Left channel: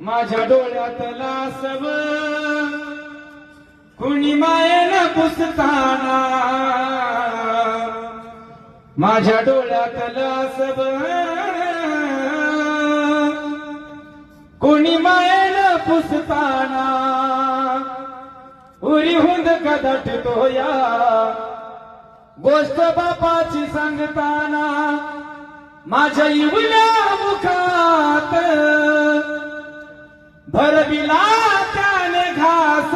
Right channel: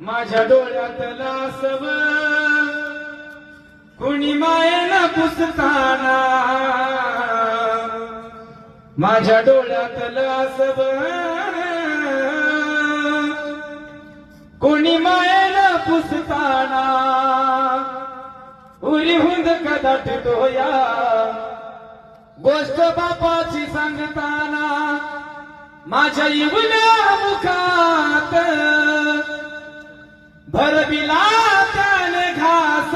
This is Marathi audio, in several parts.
माझ्या डोळ्यातला सव कुणी मायेनं पुसताना, माझ्या डोळ्यातला सव कुणी मायेनं पुसताना, उरी हुंद कदाटतो या गोष्ट बापाची सांगताना, माझ्या इवल्या मुखात भरविला त्याने घास,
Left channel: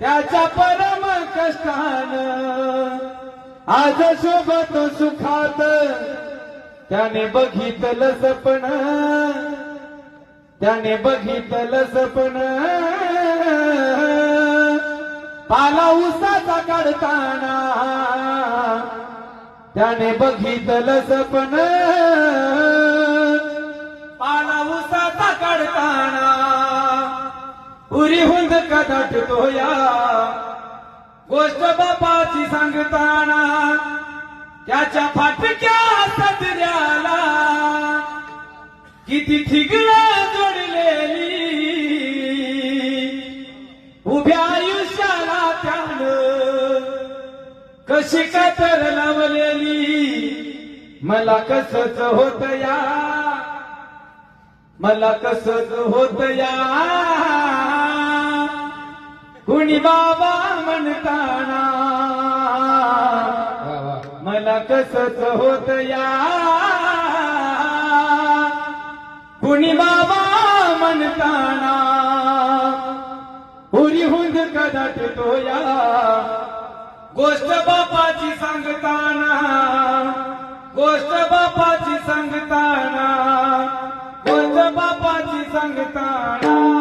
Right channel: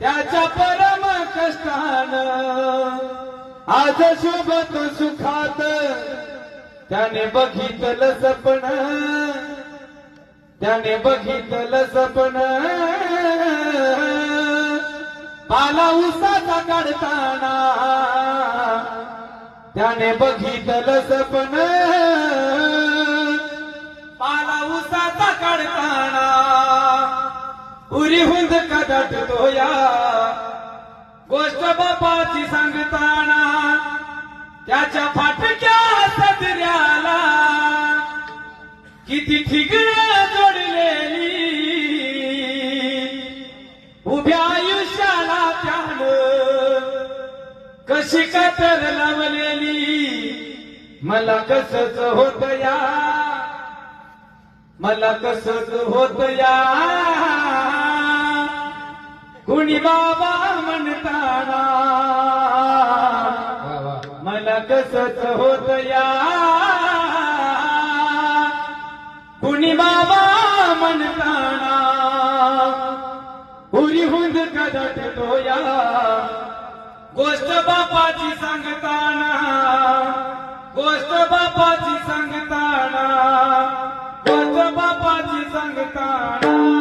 त्याच्या परम कष्टानं आज शोभत सुखात, त्याने बघितलं सपन, त्याने बघितलं सपन, पाला उसाचा काढताना, त्याने बघितलं सपन, पाला उसाचा काढताना, उरी हुंद कदाटतो या गोष्ट बापाची सांगताना, त्याच्या फाटक्या सदऱ्याला किती ठिगळं जोडलेली, उभ्या आयुष्याला त्यानं कशी कातर लावलेली, मला कसच होत या, मला कसच होत या, कुणी बाबा म्हणताना, मला कसच होत या, कुणी बाबा म्हणताना, उरी हुंद कदाटतो या गोष्ट बापाची सांगताना, गोष्ट बापाची सांगताना, गोष्ट बापाची सांगताना.